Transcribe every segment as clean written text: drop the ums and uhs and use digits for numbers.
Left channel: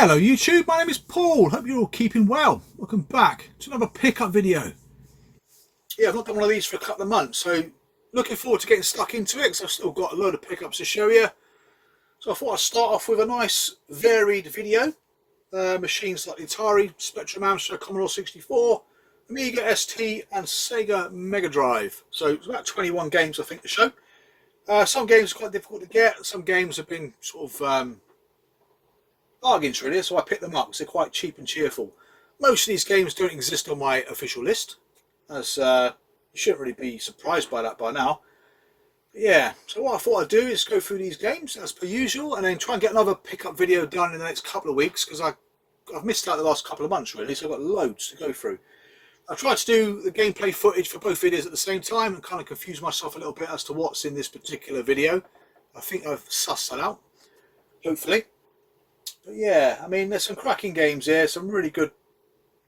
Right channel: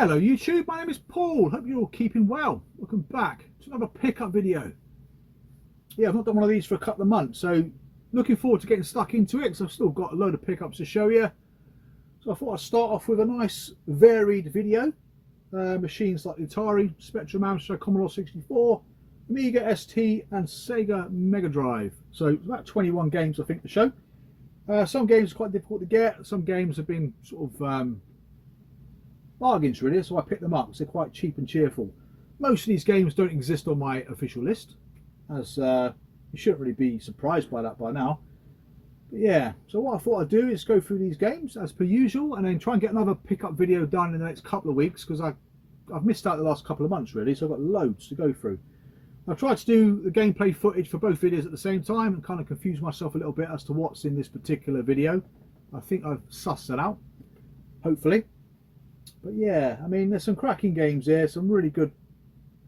Hello YouTube, my name is Paul. Hope you're all keeping well. Welcome back to another pickup video. Yeah, I've not done one of these for a couple of months, so looking forward to getting stuck into it because I've still got a load of pickups to show you. So I thought I'd start off with a nice varied video. Machines like the Atari Spectrum, Amstrad, Commodore 64, Amiga ST and Sega Mega Drive. So it's about 21 games I think to show. Some games are quite difficult to get, some games have been sort of bargains really, so I picked them up because they're quite cheap and cheerful. Most of these games don't exist on my official list, as you shouldn't really be surprised by that by now. But yeah, so what I thought I'd do is go through these games as per usual and then try and get another pickup video done in the next couple of weeks because I've missed out the last couple of months really, so I've got loads to go through. I've tried to do the gameplay footage for both videos at the same time and kind of confuse myself a little bit as to what's in this particular video. I think I've sussed that out, hopefully. But yeah, I mean, there's some cracking games here, some really good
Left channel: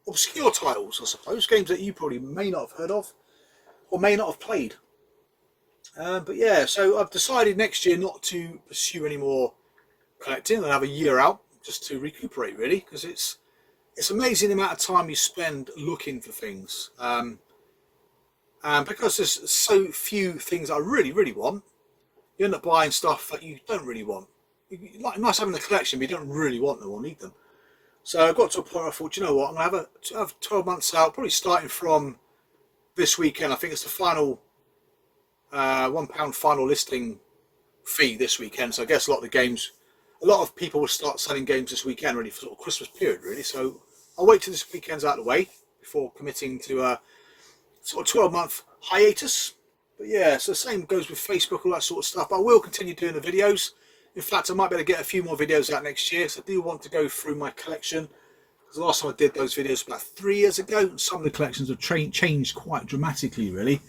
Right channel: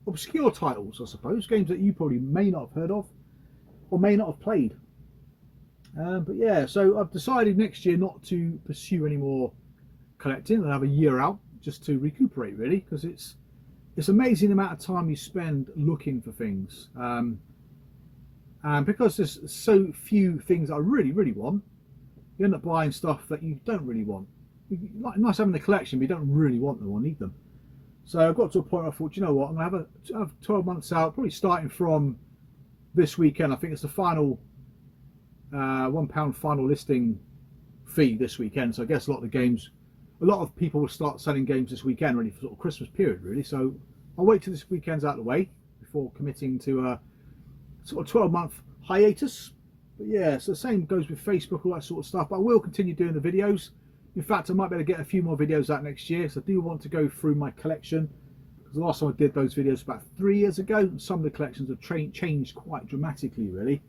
obscure titles, I suppose, games that you probably may not have heard of or may not have played. But yeah, so I've decided next year not to pursue any more collecting and have a year out just to recuperate really, because it's amazing the amount of time you spend looking for things. And because there's so few things I really want, you end up buying stuff that you don't really want. Nice having the collection, but you don't really want them or need them. So I got to a point where I thought, you know what, I'm going to have 12 months out, probably starting from this weekend. I think it's the final £1 final listing fee this weekend. So I guess a lot of people will start selling games this weekend, really, for sort of Christmas period, really. So I'll wait till this weekend's out of the way before committing to a sort of 12-month hiatus. But yeah, so the same goes with Facebook, all that sort of stuff. But I will continue doing the videos. In fact, I might be able to get a few more videos out next year, so I do want to go through my collection. Because the last time I did those videos was about 3 years ago, and some of the collections have changed quite dramatically, really.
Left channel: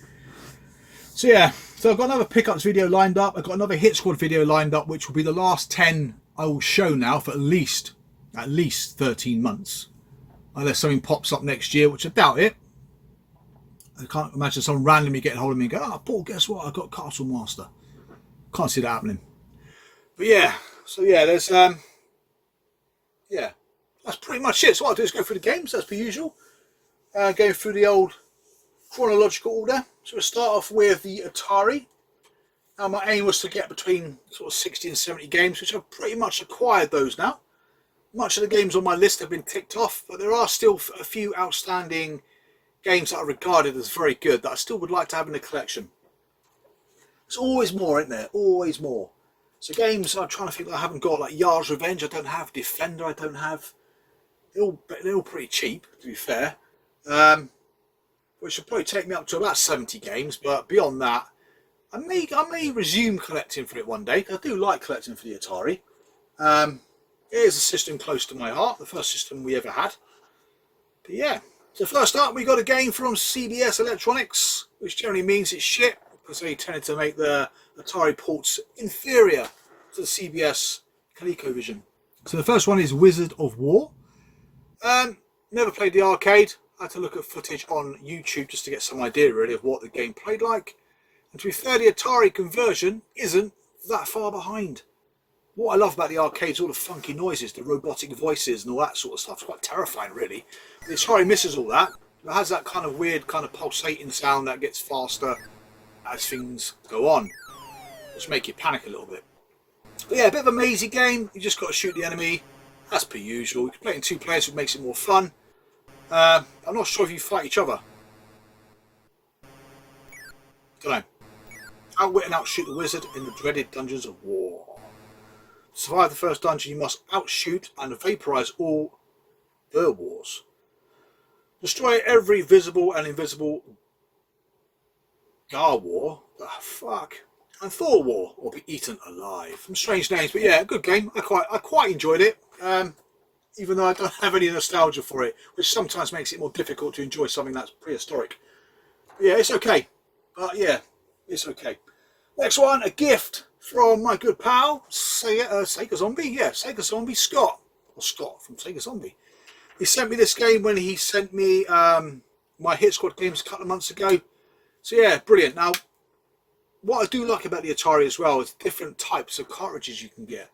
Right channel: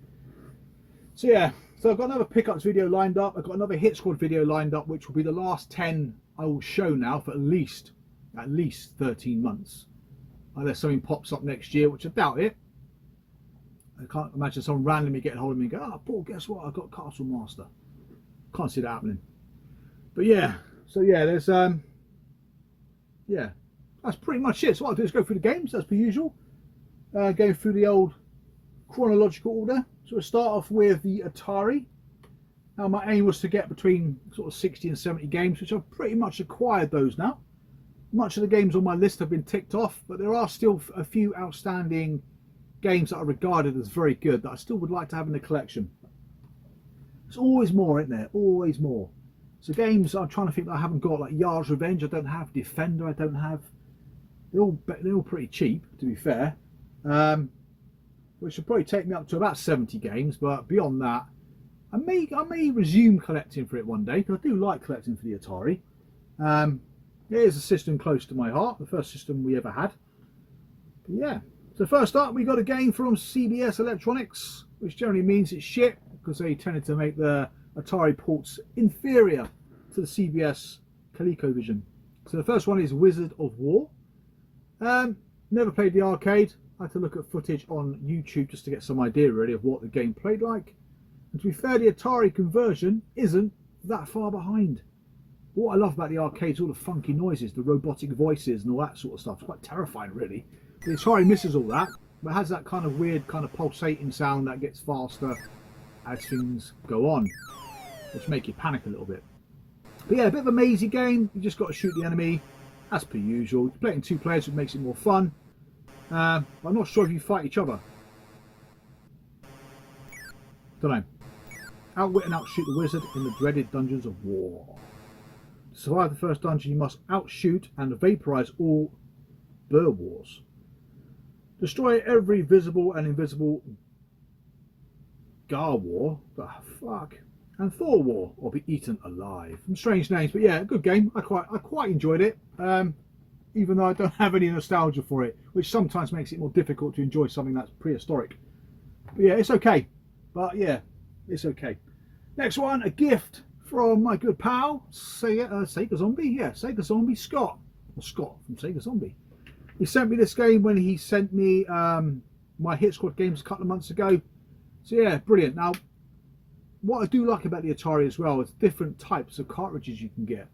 So yeah, so I've got another pickups video lined up. I've got another Hit Squad video lined up, which will be the last 10 I will show now for at least 13 months. Unless something pops up next year, which I doubt it. I can't imagine someone randomly getting hold of me and go, "Oh, Paul, guess what? I got Castle Master." Can't see that happening. But yeah, so yeah, there's yeah, that's pretty much it. So what I'll do is go through the games as per usual, going through the old chronological order. So we'll start off with the Atari. Now my aim was to get between sort of 60 and 70 games, which I've pretty much acquired those now. Much of the games on my list have been ticked off, but there are still a few outstanding games that are regarded as very good that I still would like to have in the collection. There's always more, isn't there? Always more. So games I'm trying to think that I haven't got, like Yard's Revenge, I don't have. Defender, I don't have. They're all pretty cheap, to be fair. Which will probably take me up to about 70 games, but beyond that, I may resume collecting for it one day, because I do like collecting for the Atari. It is a system close to my heart, the first system we ever had. But yeah, so first up we got a game from CBS Electronics, which generally means it's shit, because they tended to make the Atari ports inferior to the CBS ColecoVision. So the first one is Wizard of War. Never played the arcade. I had to look at footage on YouTube just to get some idea really of what the game played like. And to be fair, the Atari conversion isn't that far behind. What I love about the arcade is all the funky noises, the robotic voices and all that sort of stuff. It's quite terrifying really. The Atari misses all that, but has that kind of weird kind of pulsating sound that gets faster as things go on, which make you panic a little bit. But yeah, a bit of a mazy game. You just got to shoot the enemy as per usual. You can play it in 2 players, which makes it more fun. I'm not sure if you fight each other. Don't know. Outwit and outshoot the wizard in the dreaded dungeons of war. To survive the first dungeon, you must outshoot and vaporize all Burwars. Destroy every visible and invisible Gar War, and Thor War, or be eaten alive. Some strange names, but yeah, good game. I quite enjoyed it, even though I don't have any nostalgia for it, which sometimes makes it more difficult to enjoy something that's prehistoric. But yeah, it's okay. But yeah, it's okay. Next one, a gift from my good pal Sega Zombie. Yeah, Sega Zombie Scott, or Scott from Sega Zombie. He sent me this game when he sent me my Hit Squad games a couple of months ago. So yeah, brilliant. Now, what I do like about the Atari as well is different types of cartridges you can get.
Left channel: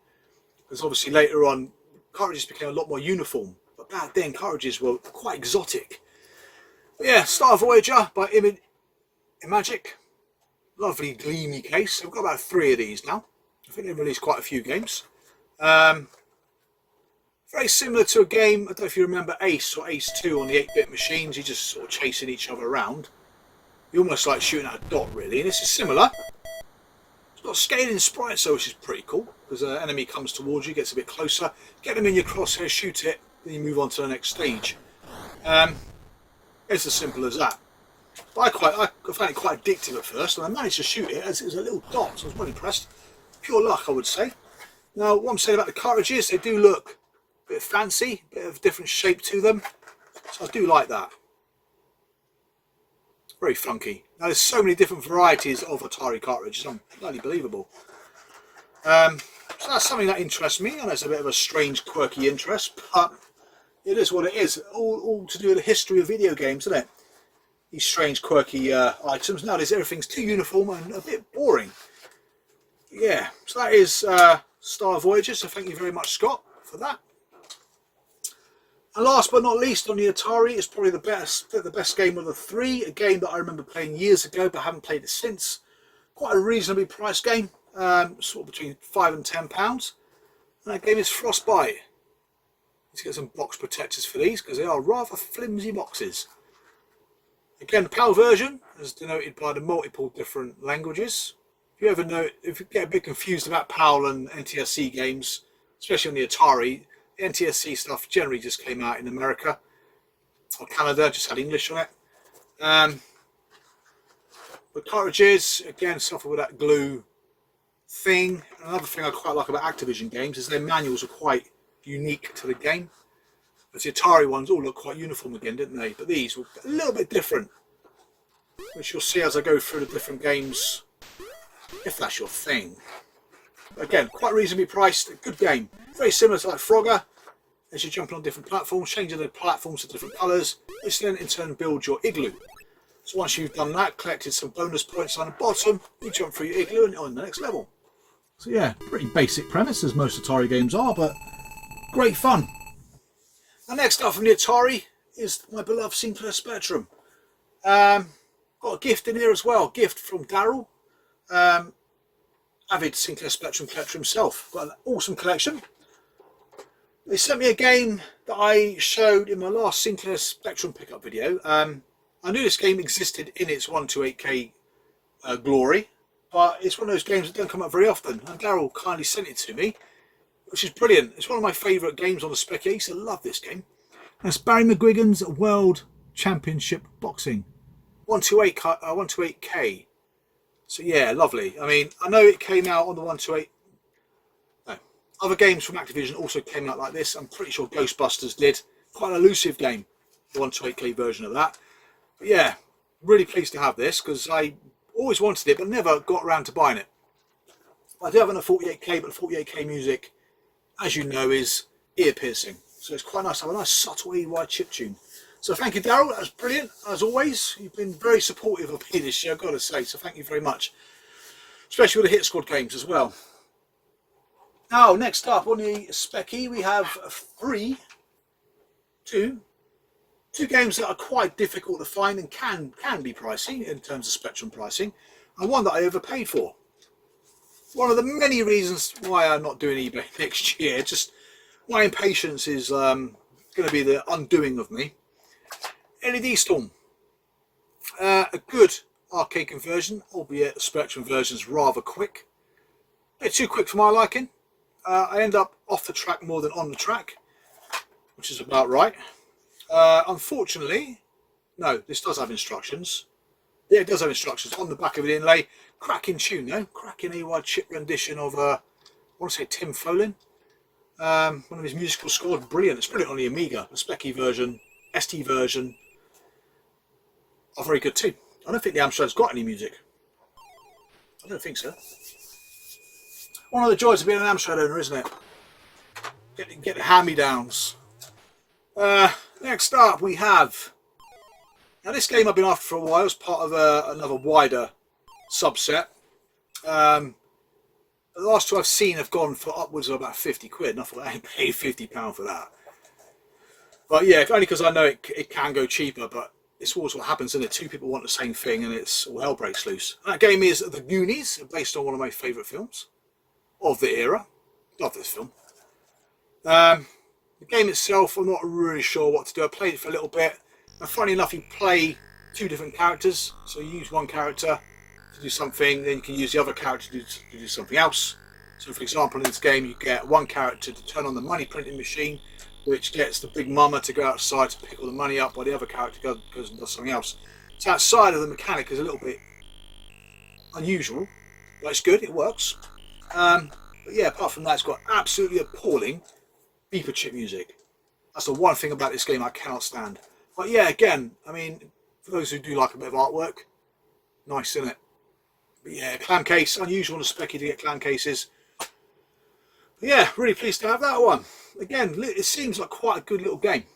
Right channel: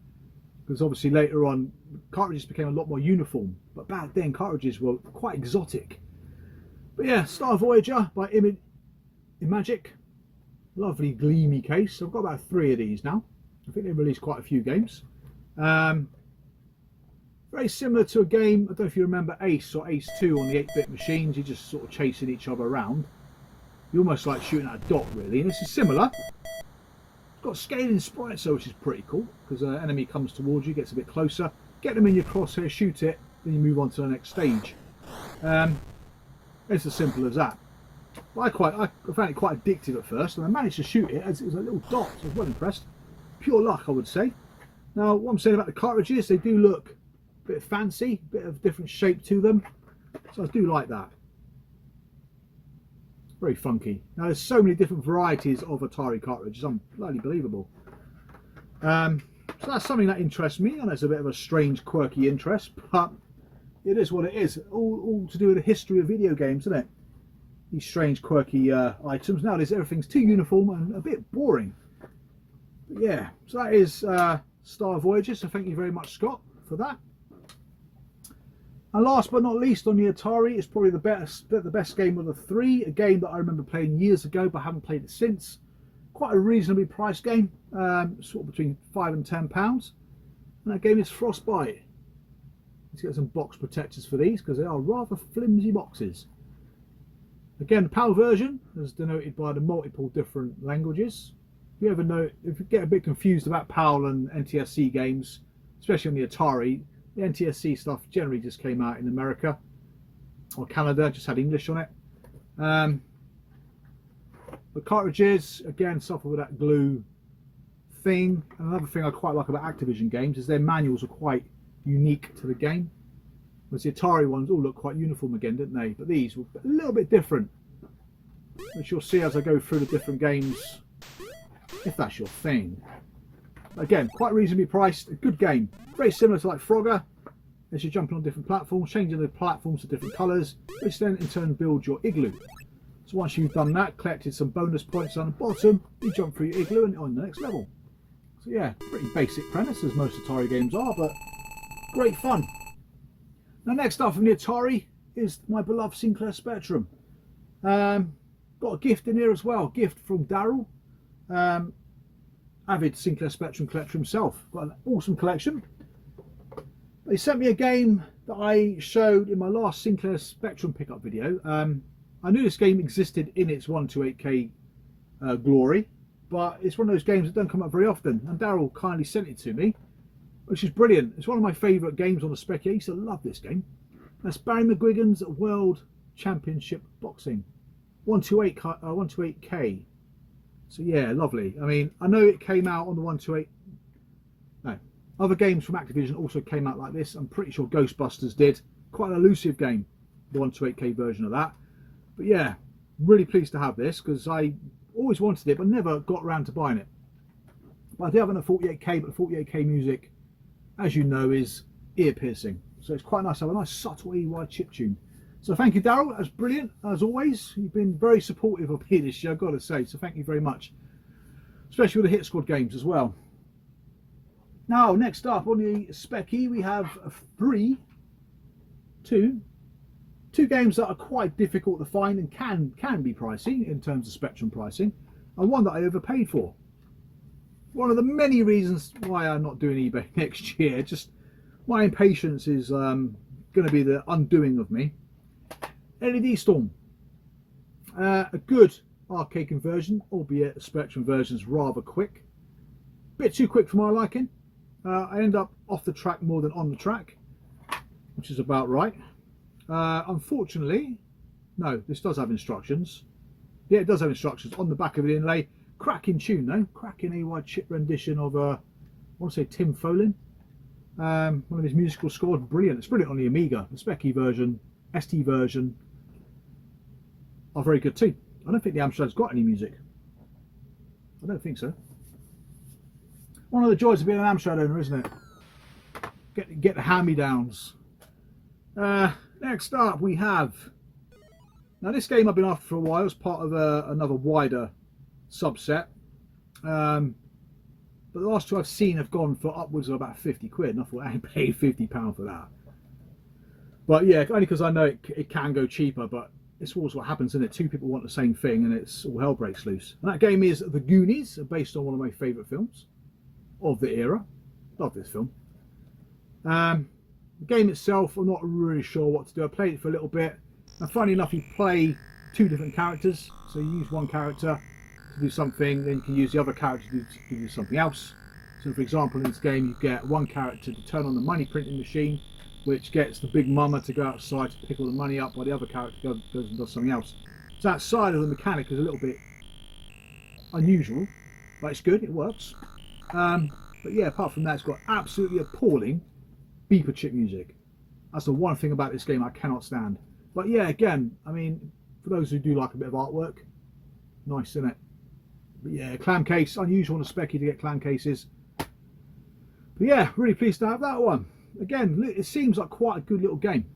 because obviously later on cartridges became a lot more uniform, but back then cartridges were quite exotic. But yeah, Star Voyager by Imagic, lovely gleamy case. I've got about 3 of these now. I think they've released quite a few games. Very similar to a game, I don't know if you remember Ace or Ace 2 on the 8-bit machines. You're just sort of chasing each other around. You're almost like shooting at a dot, really. And this is similar. It's got scaling sprites, though, which is pretty cool, because an enemy comes towards you, gets a bit closer, get them in your crosshair, shoot it, then you move on to the next stage. It's as simple as that. But I found it quite addictive at first, and I managed to shoot it as it was a little dot, so I was well impressed. Pure luck, I would say. Now, what I'm saying about the cartridges, they do look a bit fancy, a bit of different shape to them, so I do like that. Very funky. Now, there's so many different varieties of Atari cartridges, unbelievable. So that's something that interests me, and it's a bit of a strange, quirky interest, but it is what it is. All to do with the history of video games, isn't it? These strange, quirky items. Nowadays, everything's too uniform and a bit boring. Yeah, so that is Star Voyager, so thank you very much, Scott, for that. And last but not least, on the Atari, is probably the best game of the 3. A game that I remember playing years ago, but haven't played it since. Quite a reasonably priced game, sort of between £5 and £10. And that game is Frostbite. Let's get some box protectors for these, because they are rather flimsy boxes. Again, the PAL version is denoted by the multiple different languages. If you get a bit confused about PAL and NTSC games, especially on the Atari, the NTSC stuff generally just came out in America or Canada, just had English on it. The cartridges, again, suffer with that glue thing. And another thing I quite like about Activision games is their manuals are quite unique to the game. Whereas the Atari ones all look quite uniform again, didn't they? But these were a little bit different, which you'll see as I go through the different games, if that's your thing. But again, quite reasonably priced, a good game. Very similar to like Frogger, as you're jumping on different platforms, changing the platforms to different colours, which then in turn builds your igloo. So once you've done that, collected some bonus points on the bottom, you jump through your igloo and on the next level. So yeah, pretty basic premise as most Atari games are, but great fun. Now next up from the Atari is my beloved Sinclair Spectrum. Got a gift in here as well, gift from Daryl. Avid Sinclair Spectrum collector himself. Got an awesome collection. They sent me a game that I showed in my last Sinclair Spectrum pickup video. I knew this game existed in its 128K glory, but it's one of those games that don't come up very often, and Daryl kindly sent it to me, which is brilliant. It's one of my favourite games on the spec. I used to love this game. That's Barry McGuigan's World Championship Boxing 128K. So yeah, lovely. I mean, I know it came out on the 128. No, other games from Activision also came out like this. I'm pretty sure Ghostbusters did. Quite an elusive game, the 128K version of that. But yeah, really pleased to have this, because I always wanted it but never got around to buying it. But I do have it on a 48K, but the 48K music, as you know, is ear piercing. So it's quite nice to have a nice subtle EY chiptune. So thank you, Daryl. That was brilliant, as always. You've been very supportive of me this year, I've got to say. So thank you very much. Especially with the Hit Squad games as well. Now, next up on the Specky, we have two games that are quite difficult to find and can be pricey in terms of Spectrum pricing, and one that I overpaid for. One of the many reasons why I'm not doing eBay next year. Just my impatience is going to be the undoing of me. LED Storm. A good arcade conversion, albeit the Spectrum version is rather quick. A bit too quick for my liking. I end up off the track more than on the track, which is about right. Unfortunately, no, this does have instructions. Yeah, it does have instructions on the back of the inlay. Cracking tune though, cracking EY chip rendition of I want to say Tim Folin. One of his musical scores, brilliant. It's brilliant on the Amiga. The Specky version, ST version are very good too. I don't think the Amstrad's got any music. I don't think so. One of the joys of being an Amstrad owner, isn't it? Get the hand-me-downs. Next up we have, now this game I've been after for a while as part of another wider subset. But the last two I've seen have gone for upwards of about 50 quid, and I thought I ain't paid £50 for that. But yeah, only because I know it can go cheaper, but it's always what happens, isn't it? Two people want the same thing and it's all hell breaks loose. And that game is The Goonies, based on one of my favourite films of the era. Love this film. The game itself, I'm not really sure what to do. I played it for a little bit. And funny enough, you play two different characters. So you use one character to do something, then you can use the other character to do something else. So for example, in this game, you get one character to turn on the money printing machine, which gets the big mama to go outside to pick all the money up, while the other character goes and does something else. So outside of the mechanic is a little bit unusual, but it's good, it works. But yeah, apart from that, it's got absolutely appalling beeper chip music. That's the one thing about this game I cannot stand. But yeah, again, I mean, for those who do like a bit of artwork, nice, isn't it? But yeah, clam case, unusual on a Specky to get clam cases. But yeah, really pleased to have that one. Again, it seems like quite a good little game.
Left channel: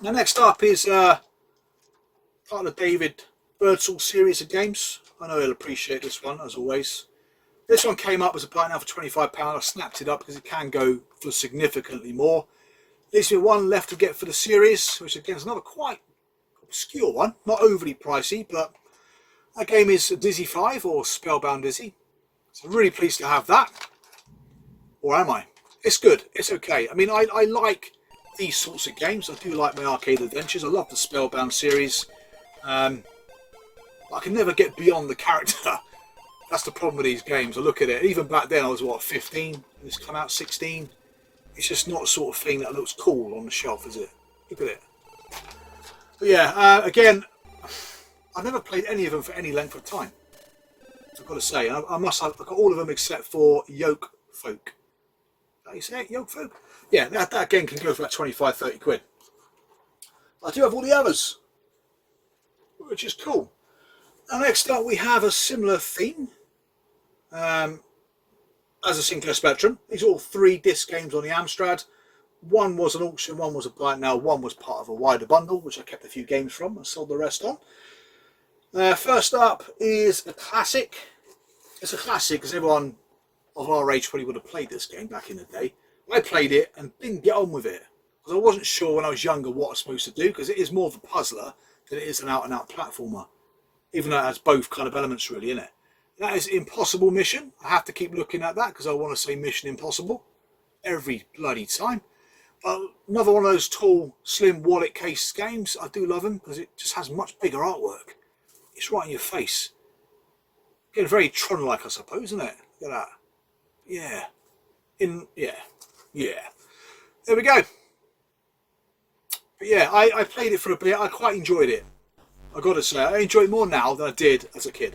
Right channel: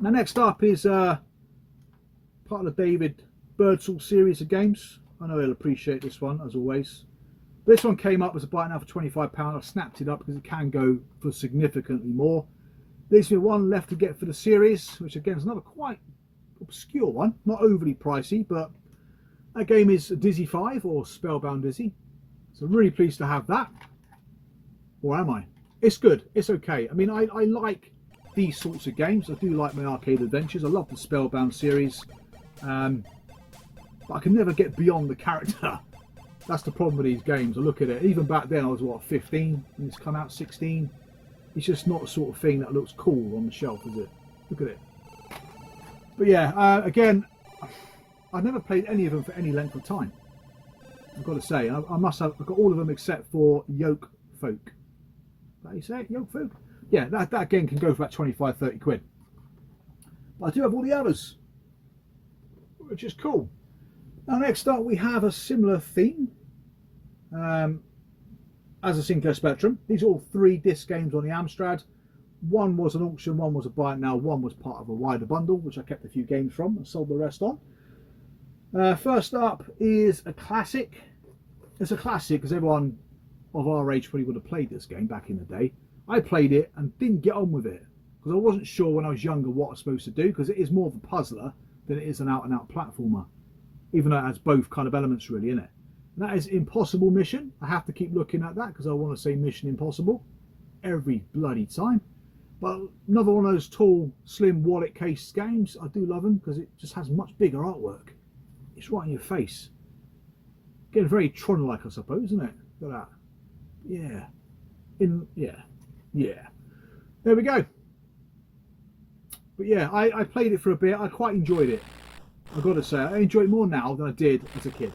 Now next up is part of the David Birdsall series of games. I know he'll appreciate this one, as always. This one came up as a buy now for £25. I snapped it up because it can go for significantly more. Leaves me one left to get for the series, which again is another quite obscure one. Not overly pricey, but that game is Dizzy 5 or Spellbound Dizzy. So really pleased to have that. Or am I? It's good. It's okay. I mean, I like these sorts of games. I do like my arcade adventures. I love the Spellbound series. But I can never get beyond the character. That's the problem with these games. I look at it. Even back then, I was, what, 15? And it's come out 16. It's just not the sort of thing that looks cool on the shelf, is it? Look at it. But yeah, again, I've never played any of them for any length of time. I've got to say. I must have. I've got all of them except for Yoke Folk. How you say it? Yoke Folk? Yeah, that again can go for about 25, 30 quid. I do have all the others, which is cool. Now next up we have a similar theme as a Sinclair Spectrum. These are all 3 disc games on the Amstrad. One was an auction, one was a buy it now, one was part of a wider bundle, which I kept a few games from and sold the rest on. First up is a classic. It's a classic because everyone of our age probably would have played this game back in the day. I played it and didn't get on with it because I wasn't sure when I was younger what I was supposed to do, because it is more of a puzzler than it is an out-and-out platformer, even though it has both kind of elements really in it. And that is Impossible Mission. I have to keep looking at that because I want to say Mission Impossible every bloody time. But another one of those tall, slim wallet case games. I do love them because it just has much bigger artwork. It's right in your face. Getting very Tron-like, I suppose, isn't it? Look at that. Yeah. Yeah. There we go. But yeah, I played it for a bit. I quite enjoyed it. I've got to say, I enjoy it more now than I did as a kid,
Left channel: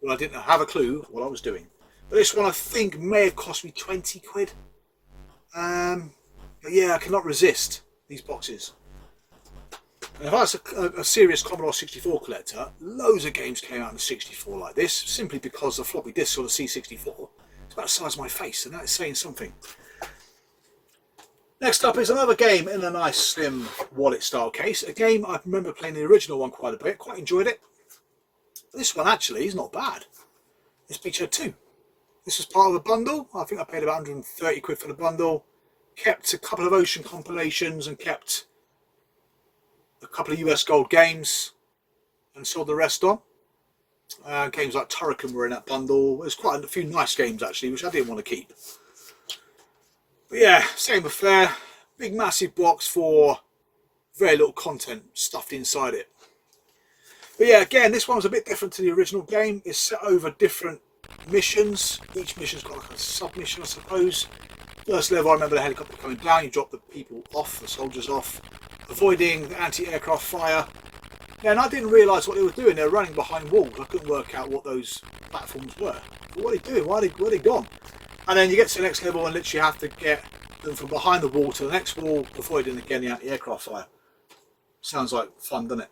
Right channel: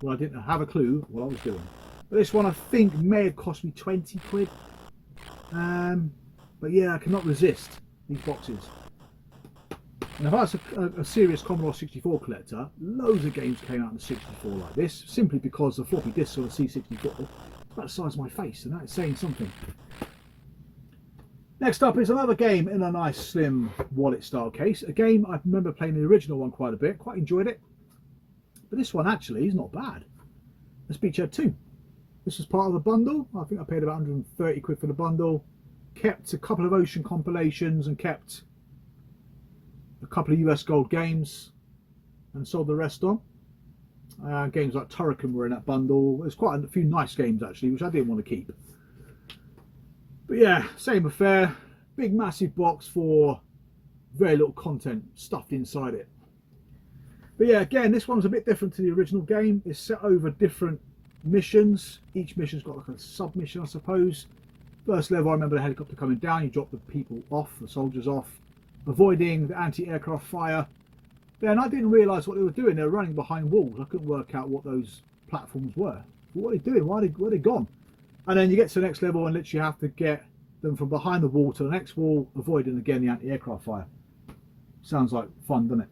when I didn't have a clue what I was doing. But this one I think may have cost me 20 quid. But yeah, I cannot resist these boxes. And if I was a serious Commodore 64 collector, loads of games came out in the 64 like this, simply because the floppy disks on the C64 is about the size of my face, and that's saying something. Next up is another game in a nice slim wallet style case. A game I remember playing the original one quite a bit, quite enjoyed it. But this one actually is not bad. It's Beachhead 2. This was part of a bundle. I think I paid about 130 quid for the bundle. Kept a couple of Ocean compilations and kept a couple of US Gold games and sold the rest on. Games like Turrican were in that bundle. There's quite a few nice games actually, which I didn't want to keep. But yeah, same affair. Big massive box for very little content stuffed inside it. But yeah, again, this one's a bit different to the original game. It's set over different missions. Each mission's got like a sub-mission, I suppose. First level, I remember the helicopter coming down. You drop the people off, the soldiers off, avoiding the anti-aircraft fire. Yeah, and I didn't realise what they were doing. They were running behind walls. I couldn't work out what those platforms were. But what are they doing? Where are they gone? And then you get to the next level and literally have to get them from behind the wall to the next wall, avoiding again the anti-aircraft fire. Sounds like fun, doesn't it?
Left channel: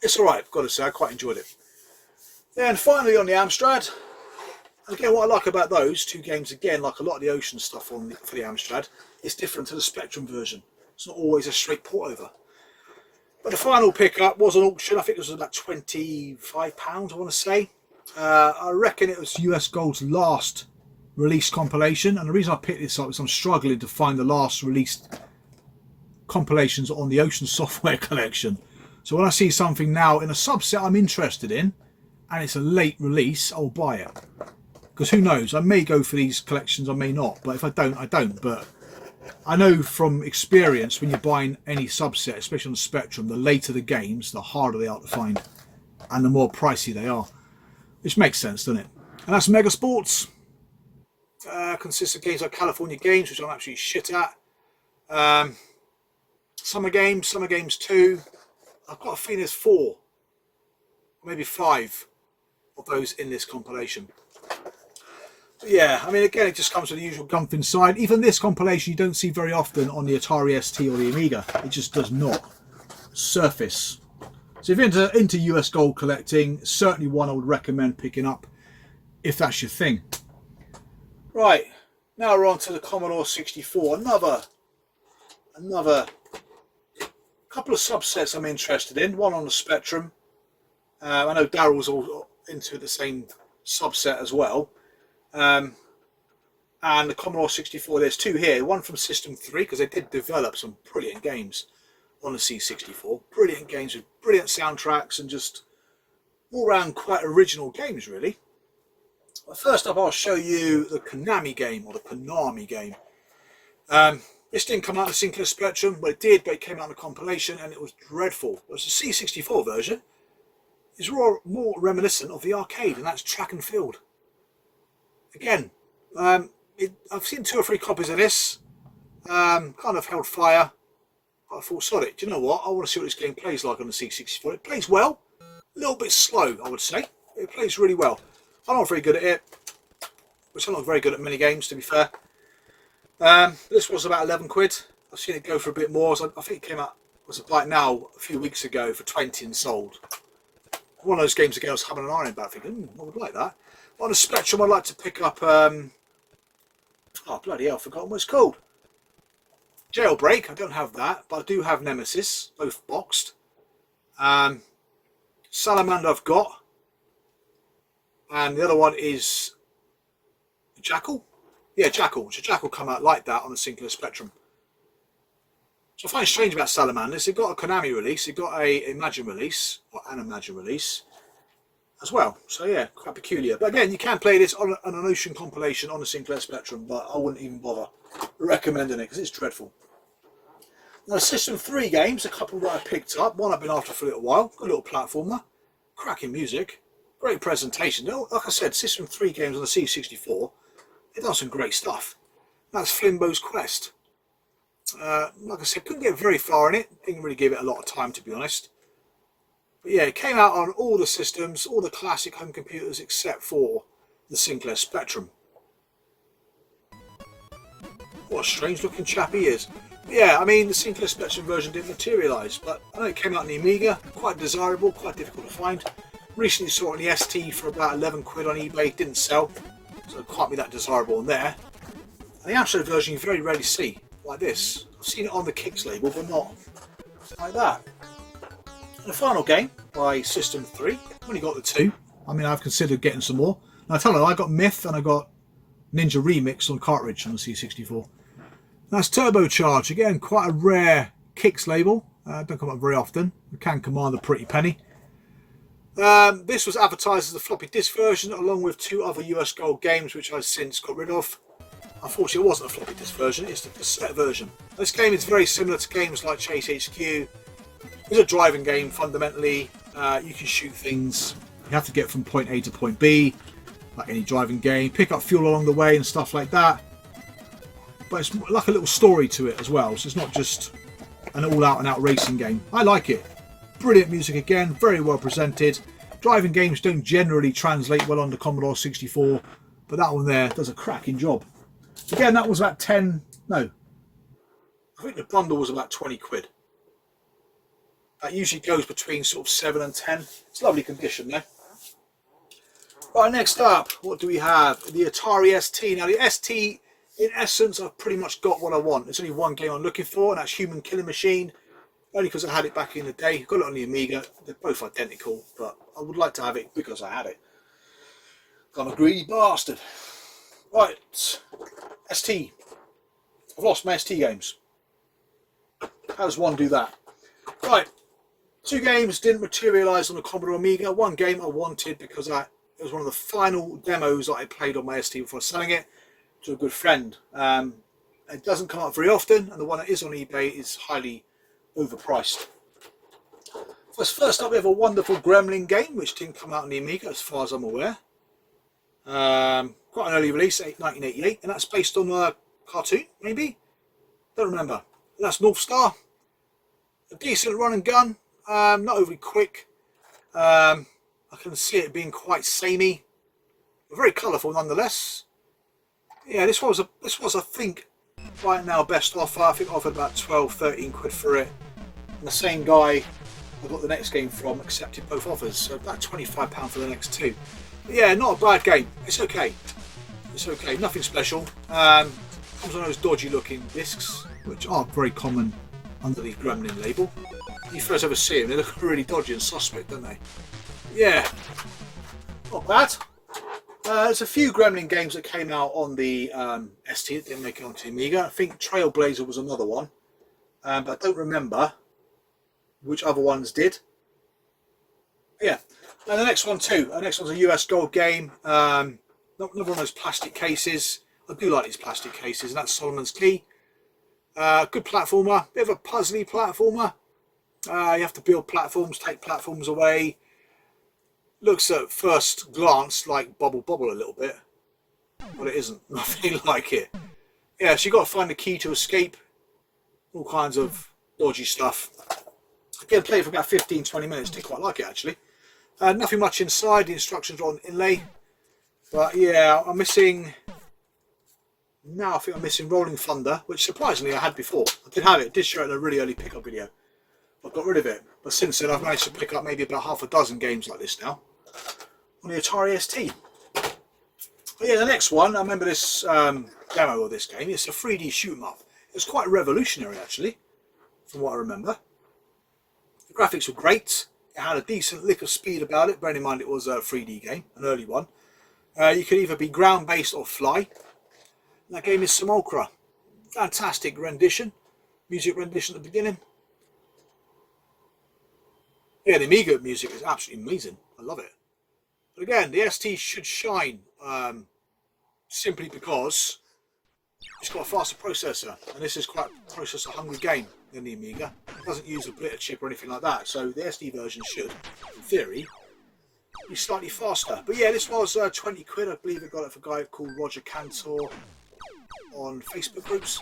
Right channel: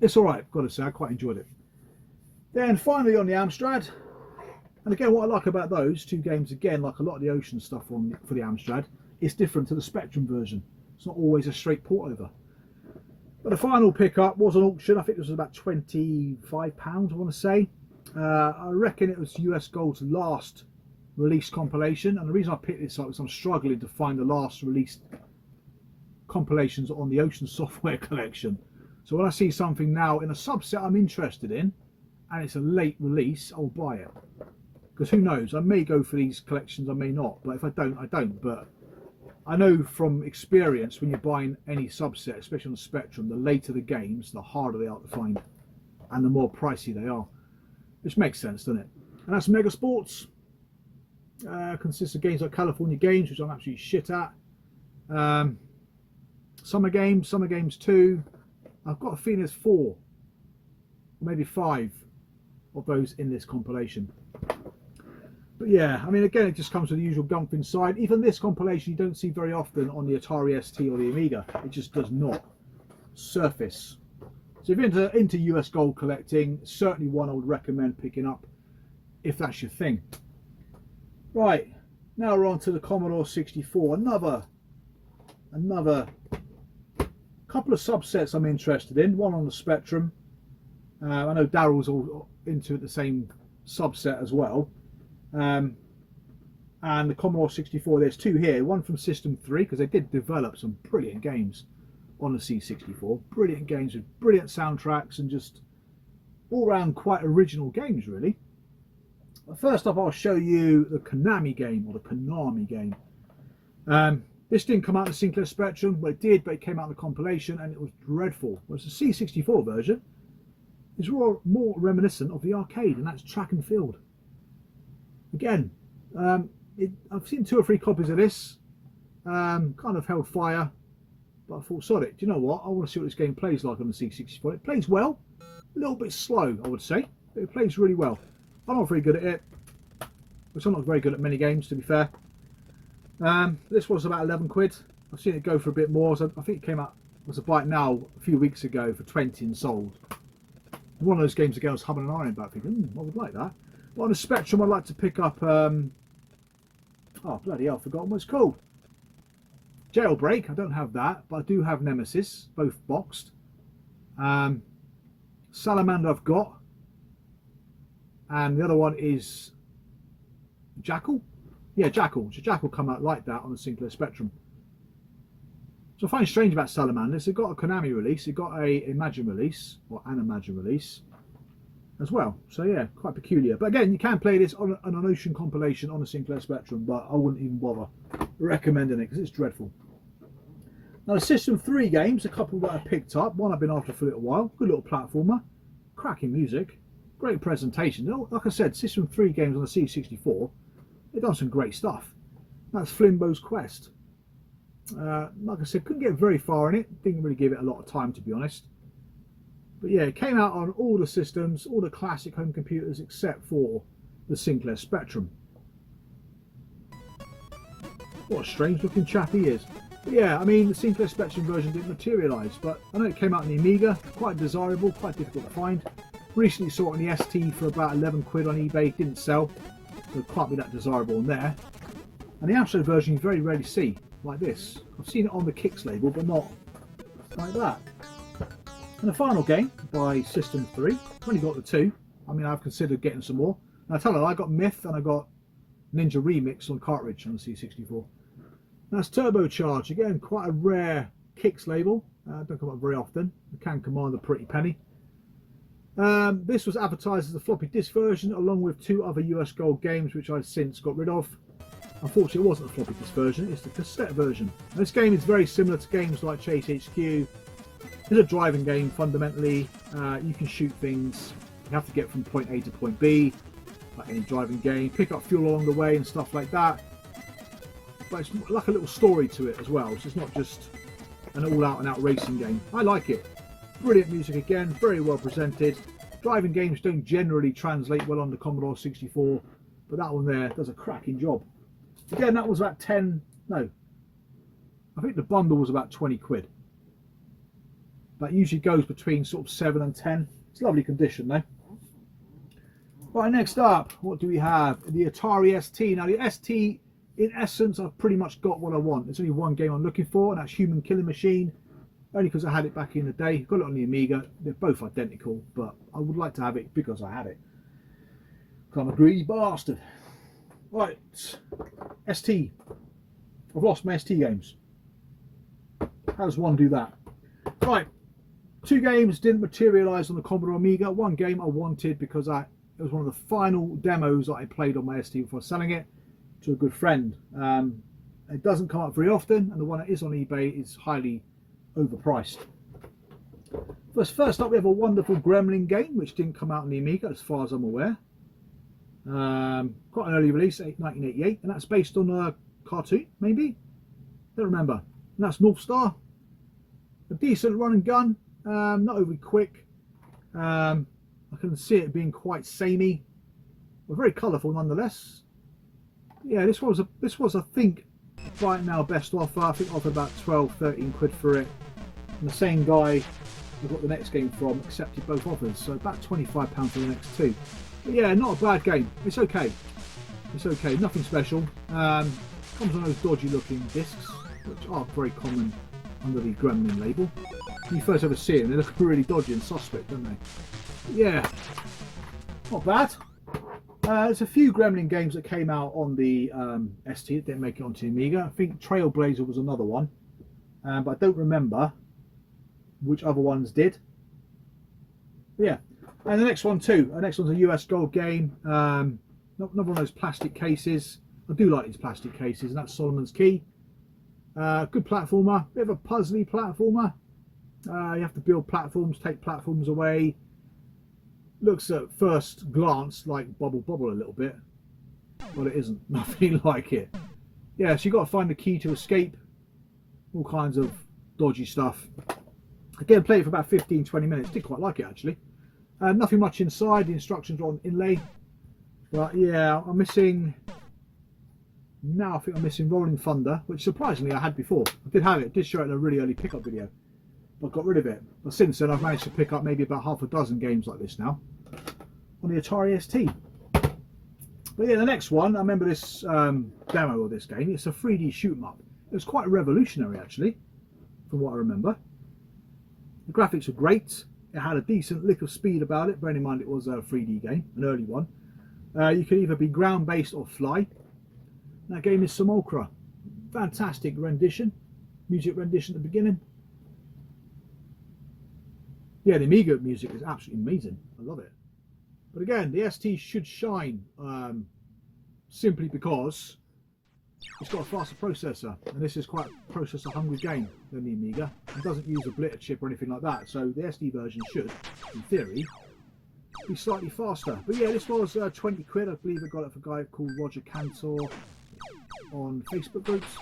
It's alright, got to say, I quite enjoyed it. Then finally on the Amstrad, and again what I like about those two games, again like a lot of the Ocean stuff for the Amstrad, it's different to the Spectrum version. It's not always a straight port over. But the final pickup was an auction. I think it was about £25 I want to say. I reckon it was US Gold's last release compilation, and the reason I picked this up is I'm struggling to find the last released compilations on the Ocean Software collection. So when I see something now in a subset I'm interested in and it's a late release, I'll buy it, because who knows, I may go for these collections, I may not, but if I don't, I don't. But I know from experience, when you're buying any subset, especially on the Spectrum, the later the games, the harder they are to find and the more pricey they are, which makes sense, doesn't it? And that's Mega Sports. Consists of games like California Games, which I'm absolutely shit at. Summer Games 2. I've got a feeling there's 4, maybe 5 of those in this compilation. But yeah, I mean, again, it just comes with the usual gump inside. Even this compilation you don't see very often on the Atari ST or the Amiga. It just does not surface. So if you're into US Gold collecting, certainly one I would recommend picking up if that's your thing. Right, now we're on to the Commodore 64. Another couple of subsets I'm interested in. One on the Spectrum. I know Daryl's all into the same subset as well. And the Commodore 64, there's 2 here. One from System 3, because they did develop some brilliant games on the C64. Brilliant games with brilliant soundtracks and just all round quite original games, really. But first up, I'll show you the Konami game, or the Konami game. This didn't come out in the Sinclair Spectrum. Well, it did, but it came out in a compilation and it was dreadful. Whereas the C64 version is more reminiscent of the arcade, and that's track and field. Again, I've seen 2 or 3 copies of this. Kind of held fire, but I thought, sod it. Do you know what? I want to see what this game plays like on the C64. It plays well, a little bit slow, I would say, but it plays really well. I'm not very good at it, which I'm not very good at many games, to be fair. This was about 11 quid. I've seen it go for a bit more. So I think it came out, was a buy it now a few weeks ago for 20 and sold. One of those games again I was having an eye about, thinking, I would like that. But on the Spectrum, I'd like to pick up, oh bloody hell, I've forgotten what it's called. Jailbreak, I don't have that, but I do have Nemesis, both boxed. Salamander I've got. And the other one is Jackal? Yeah, Jackal. So Jackal come out like that on the Sinclair Spectrum. So I find strange about Salamanders, it got a Konami release, it got a Imagine release, or an Imagine release as well. So yeah, quite peculiar. But again, you can play this on an Ocean compilation on the Sinclair Spectrum, but I wouldn't even bother recommending it because it's dreadful. Now the System 3 games, a couple that I picked up, one I've been after for a little while, good little platformer, cracking music, great presentation. Like I said, System 3 games on the C64, they've done some great stuff. That's Flimbo's Quest. Like I said, couldn't get very far in it, didn't really give it a lot of time, to be honest. But yeah, it came out on all the systems, all the classic home computers except for the Sinclair Spectrum. What a strange looking chap he is. But yeah, I mean, the Sinclair Spectrum version didn't materialise, but I know it came out in the Amiga, quite desirable, quite difficult to find. Recently saw it on the ST for about 11 quid on eBay, didn't sell, so it can't be that desirable on there. And the Amstrad version you very rarely see, like this. I've seen it on the Kicks label, but not like that. And the final game by System 3, I've only got the 2. I mean, I've considered getting some more. Now I tell you, I got Myth and I got Ninja Remix on cartridge on the C64. That's Turbocharge, again, quite a rare Kicks label. Don't come up very often. It can command a pretty penny. This was advertised as the floppy disk version along with 2 other US Gold games which I've since got rid of. Unfortunately it wasn't a floppy disk version, it's the cassette version. This game is very similar to games like Chase HQ. It's a driving game fundamentally. You can shoot things, you have to get from point A to point B, like any driving game, pick up fuel along the way and stuff like that. But it's like a little story to it as well, so it's not just an all-out and out racing game. I like it. Brilliant music again, very well presented. Driving games don't generally translate well on the Commodore 64, but that one there does a cracking job. Again, that was about 10, no, I think the bundle was about 20 quid. That usually goes between sort of 7 and 10. It's lovely condition though. Right, next up, what do we have? The Atari ST. Now the ST, in essence, I've pretty much got what I want. There's only one game I'm looking for, and that's Human Killing Machine. Only because I had it back in the day. Got it on the Amiga. They're both identical, but I would like to have it because I had it. I'm a greedy bastard. Right, ST. I've lost my ST games. How does one do that? Right, 2 games didn't materialise on the Commodore Amiga. 1 game I wanted because it was one of the final demos that I played on my ST before selling it to a good friend. It doesn't come up very often, and the one that is on eBay is highly overpriced. First up, we have a wonderful Gremlin game, which didn't come out on the Amiga as far as I'm aware. Quite an early release, 1988, and that's based on a cartoon, maybe? Don't remember. And that's North Star. A decent run and gun, not overly quick. I can see it being quite samey, but very colourful nonetheless. Yeah, this was I think right now best offer. I think I offered about 12-13 quid for it. And the same guy I got the next game from accepted both offers, so about £25 for the next 2. But yeah, not a bad game. It's okay. It's okay. Nothing special. Comes on those dodgy looking discs, which are very common under the Gremlin label. When you first ever see them, they look really dodgy and suspect, don't they? Yeah, not bad. There's a few Gremlin games that came out on the ST that didn't make it onto the Amiga. I think Trailblazer was another one, but I don't remember which other ones did. Yeah, and the next one too. The next one's a US Gold game. Not one of those plastic cases. I do like these plastic cases, and that's Solomon's Key. Good platformer, bit of a puzzly platformer. You have to build platforms, take platforms away. Looks at first glance like Bubble Bobble a little bit, but it isn't. Nothing like it. Yeah, so you got to find the key to escape. All kinds of dodgy stuff. Again, played for about 15-20 minutes. Did quite like it actually. Nothing much inside. The instructions are on inlay. But yeah, I'm missing. Now I think I'm missing Rolling Thunder, which surprisingly I had before. I did have it. Did show it in a really early pickup video. I got rid of it. But since then I've managed to pick up maybe about half a dozen games like this now on the Atari ST. But yeah, the next one, I remember this demo of this game. It's a 3D shoot 'em up. It was quite revolutionary actually, from what I remember. The graphics were great. It had a decent lick of speed about it, bearing in mind it was a 3D game, an early one. You could either be ground based or fly. That game is Simulacra. Fantastic rendition. Music rendition at the beginning. Yeah, the Amiga music is absolutely amazing. I love it. But again, the ST should shine simply because it's got a faster processor. And this is quite a processor hungry game than the Amiga. It doesn't use a blitter chip or anything like that. So the ST version should, in theory, be slightly faster. But yeah, this was 20 quid. I believe I got it for a guy called Roger Cantor on Facebook groups.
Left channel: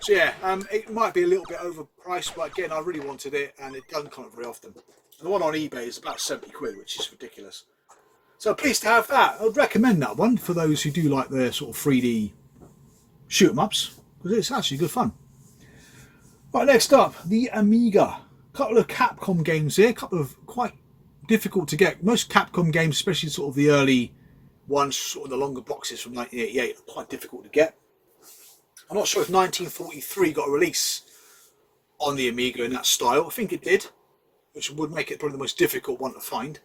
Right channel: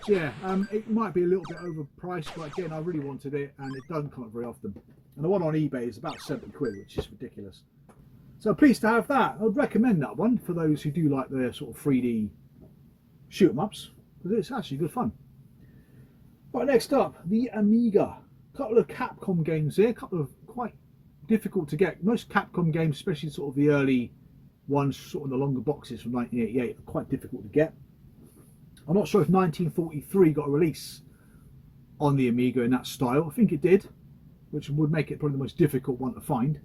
So yeah, it might be a little bit overpriced, but again, I really wanted it and it doesn't come up very often. And the one on eBay is about 70 quid, which is ridiculous. So pleased to have that. I would recommend that one for those who do like the sort of 3D shoot 'em ups, because it's actually good fun. Right, next up, the Amiga. A couple of Capcom games here, a couple of quite difficult to get. Most Capcom games, especially sort of the early ones, sort of the longer boxes from 1988, are quite difficult to get. I'm not sure if 1943 got a release on the Amiga in that style. I think it did, which would make it probably the most difficult one to find.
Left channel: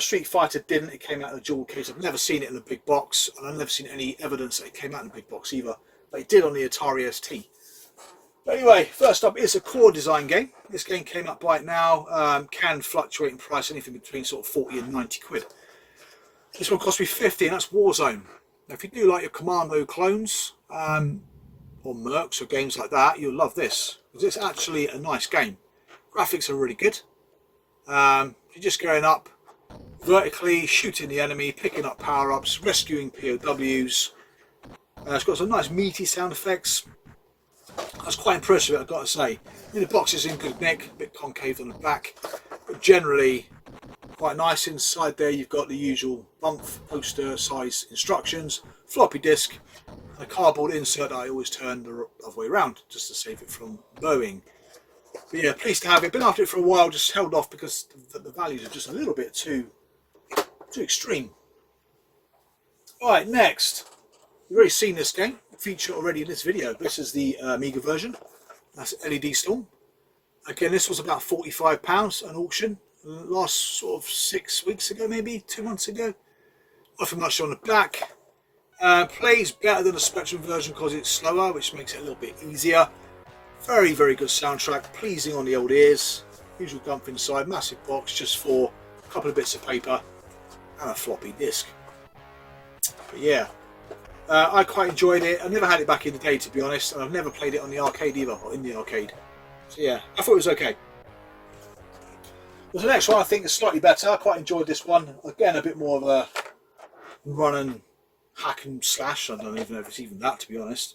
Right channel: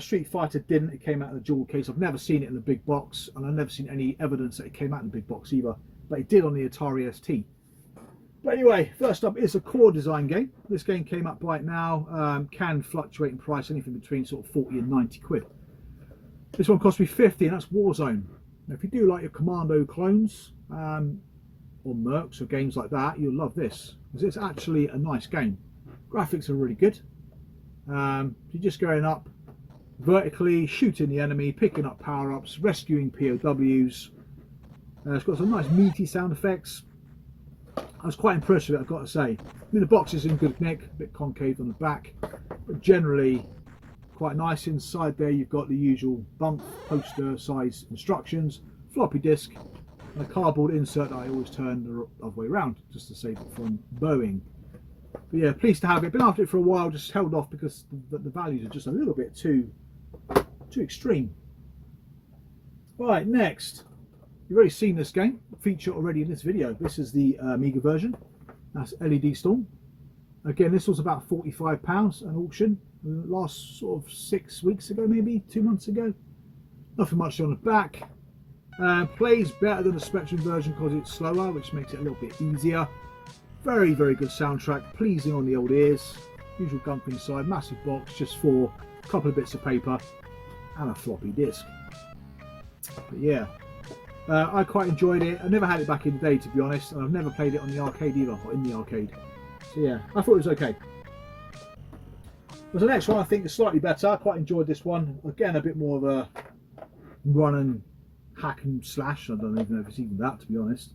Street Fighter didn't. It came out in a jewel case. I've never seen it in the big box, and I've never seen any evidence that it came out in the big box either. But it did on the Atari ST. But anyway, first up is a core design game. This game came up right now. Can fluctuate in price, anything between sort of 40 and 90 quid. This one cost me 50, and that's Warzone. Now, if you do like your Commando clones or Mercs or games like that, you'll love this, because it's actually a nice game. Graphics are really good. You're just going up vertically, shooting the enemy, picking up power-ups, rescuing POWs. It's got some nice meaty sound effects. I was quite impressed with it, I've got to say. I mean, the box is in good nick, a bit concave on the back, but generally quite nice. Inside there you've got the usual bump poster size instructions, floppy disk, and a cardboard insert that I always turn the other way around just to save it from bowing. But yeah, pleased to have it. Been after it for a while, just held off because the values are just a little bit too extreme. Right, next. You've already seen this game, feature already in this video. This is the Amiga version. That's LED Storm. Again, this was about £45 an auction last sort of 6 weeks ago, maybe 2 months ago. Nothing much on the back. Plays better than the Spectrum version because it's slower, which makes it a little bit easier. Very, very good soundtrack, pleasing on the old ears. Usual gump inside, massive box just for a couple of bits of paper and a floppy disk. But yeah, I quite enjoyed it. I never had it back in the day, to be honest, and I've never played it on the arcade either, or in the arcade. So yeah, I thought it was okay. But the next one I think is slightly better. I quite enjoyed this one. Again, a bit more of a run and hack and slash. I don't even know if it's even that, to be honest.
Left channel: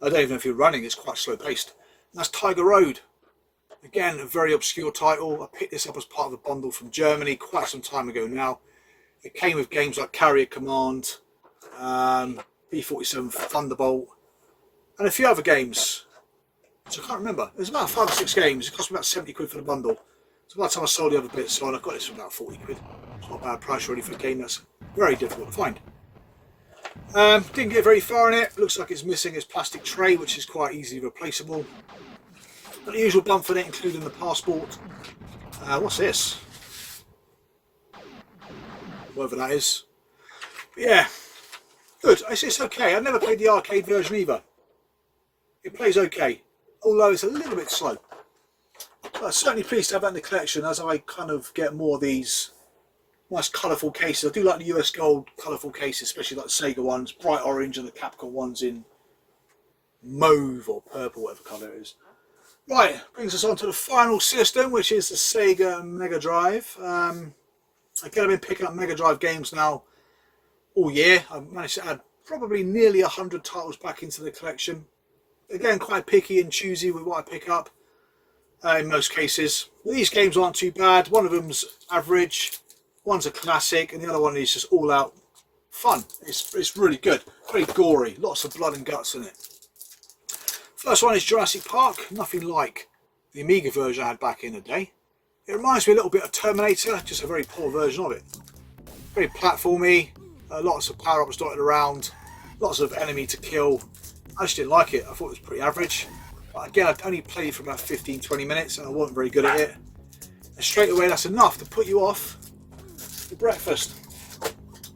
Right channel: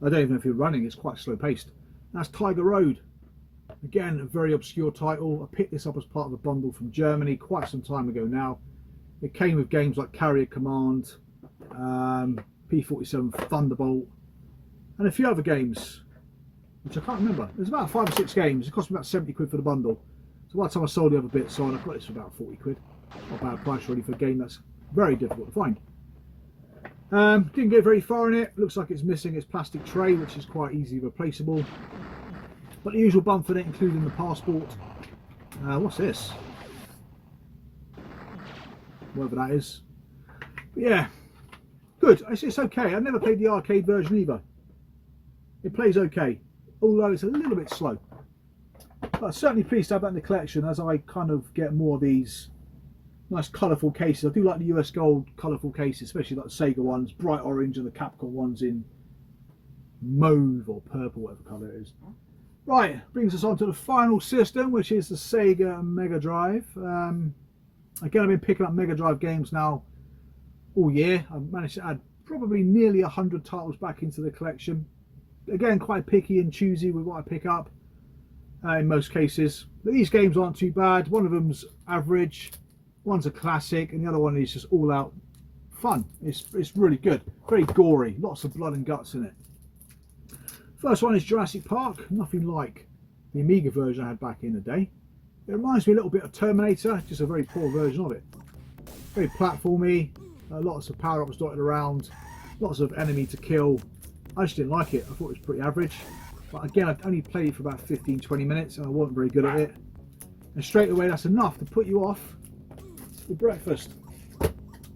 I don't even know if you're running, it's quite slow paced. That's Tiger Road. Again, a very obscure title. I picked this up as part of a bundle from Germany quite some time ago now. It came with games like Carrier Command, P-47 Thunderbolt, and a few other games, which I can't remember. There's about 5 or 6 games. It cost me about 70 quid for the bundle. So by the time I sold the other bits on, I've got this for about 40 quid. It's not a bad price really for a game that's very difficult to find. Didn't get very far in it. Looks like it's missing its plastic tray, which is quite easily replaceable. But the usual bump for it, including the passport. What's this? Whatever that is. But yeah, good. It's okay. I never played the arcade version either. It plays okay, although it's a little bit slow. But I'm certainly pleased to have that in the collection as I kind of get more of these nice colourful cases. I do like the US gold colourful cases, especially like the Sega ones, bright orange, and the Capcom ones in mauve or purple, whatever colour it is. Right, brings us on to the final system, which is the Sega Mega Drive. Again, I've been picking up Mega Drive games now all year. I've managed to add probably nearly 100 titles back into the collection. Again, quite picky and choosy with what I pick up in most cases. But these games aren't too bad. One of them's average, one's a classic, and the other one is just all out fun. It's really good. Very gory, lots of blood and guts in it. First one is Jurassic Park. Nothing like the Amiga version I had back in the day. It reminds me a little bit of Terminator, just a very poor version of it. Very platformy, lots of power-ups dotted around, lots of enemy to kill. I just didn't like it. I thought it was pretty average. But again, I only played it for about 15-20 minutes and I wasn't very good at it. And straight away, that's enough to put you off your breakfast.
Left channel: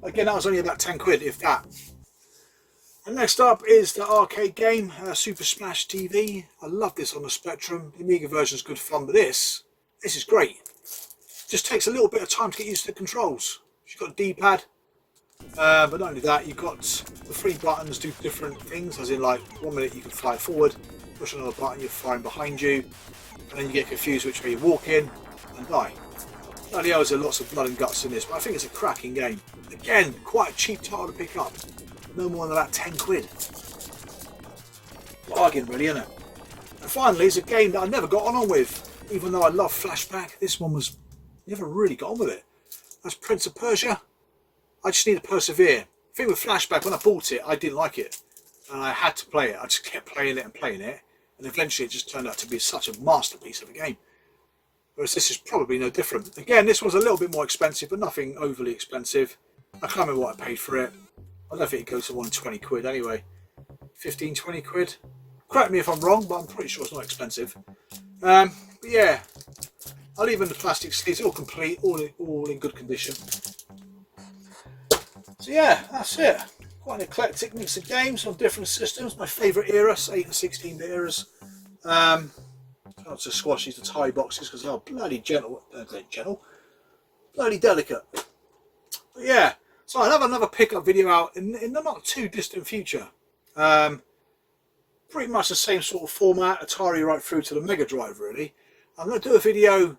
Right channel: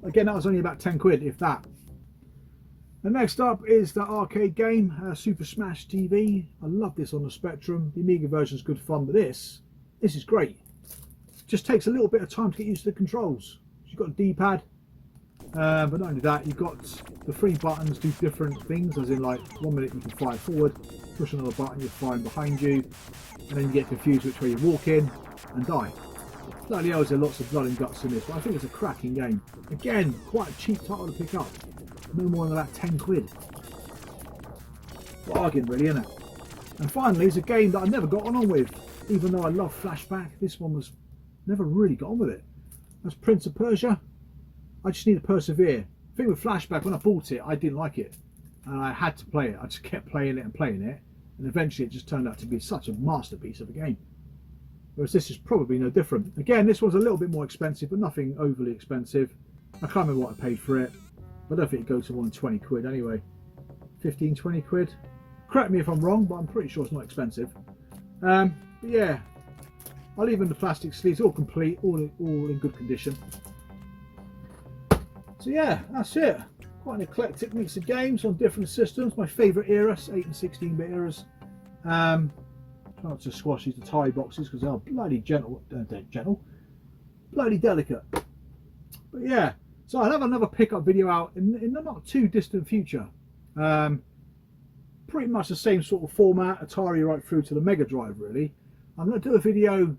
Again, that was only about 10 quid, if that. And next up is the arcade game, Super Smash TV. I love this on the Spectrum. The Amiga version is good fun, but this is great. Just takes a little bit of time to get used to the controls. You've got a D-pad, but not only that, you've got the 3 buttons do different things, as in like 1 minute you can fire forward, push another button, you're firing behind you, and then you get confused which way you walk in and die. Not only is there lots of blood and guts in this, but I think it's a cracking game. Again, quite a cheap title to pick up. No more than about 10 quid. Bargain really, isn't it? And finally, it's a game that I never got on with. Even though I love Flashback, this one was never really got on with it. That's Prince of Persia. I just need to persevere. I think with Flashback, when I bought it, I didn't like it. And I had to play it. I just kept playing it and playing it. And eventually it just turned out to be such a masterpiece of a game. Whereas this is probably no different. Again, this one's a little bit more expensive, but nothing overly expensive. I can't remember what I paid for it. I don't think it goes to 120 quid anyway. 15, 20 quid. Correct me if I'm wrong, but I'm pretty sure it's not expensive. But yeah, I'll leave in the plastic sleeves, all complete, all in good condition. So yeah, that's it. Quite an eclectic mix of games on different systems. My favourite era, 8 and 16-bit eras. Not to squash these Atari boxes because they are bloody bloody delicate. But yeah, so I'll have another pickup video out in the not too distant future. Pretty much the same sort of format, Atari right through to the Mega Drive really. I'm going to do a video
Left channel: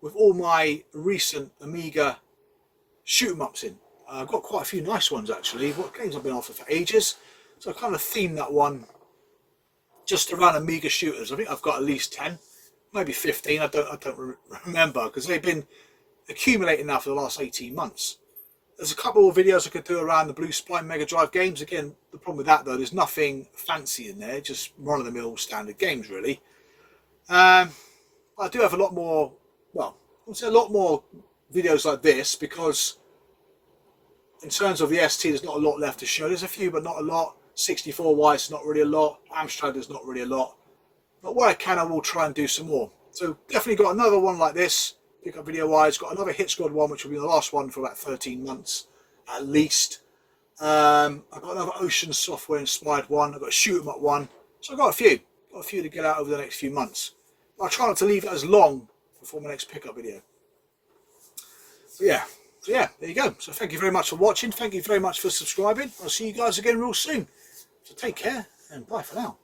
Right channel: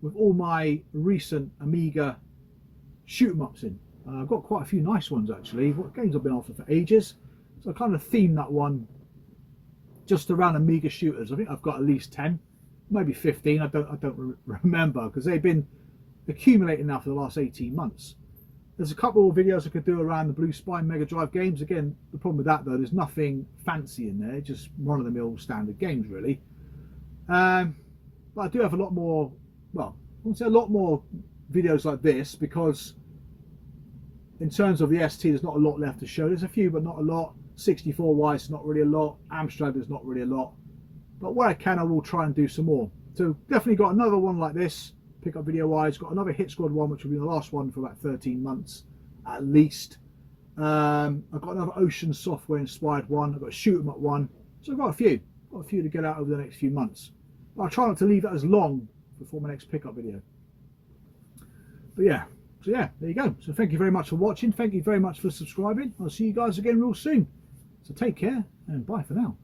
with all my recent Amiga shoot-em-ups in. I've got quite a few nice ones actually. What games I've been after for ages. So I kind of themed that one just around Amiga shooters. I think I've got at least 10, maybe 15. I don't remember because they've been accumulating now for the last 18 months. There's a couple of videos I could do around the Blue Spine Mega Drive games. Again, the problem with that though, there's nothing fancy in there, just run-of-the-mill standard games really. But I do have a lot more, well, I wouldn't say a lot more videos like this because in terms of the ST, there's not a lot left to show. There's a few, but not a lot. 64 wise, not really a lot. Amstrad, there's not really a lot. But where I can, I will try and do some more. So definitely got another one like this, pickup video wise. Got another Hit Squad one, which will be the last one for about 13 months. at least. I've got another Ocean software inspired one. I've got a shoot 'em up one. So I've got a few to get out over the next few months. But I'll try not to leave it as long before my next pickup video. But yeah, there you go. So thank you very much for watching. Thank you very much for subscribing. I'll see you guys again real soon. So take care and bye for now.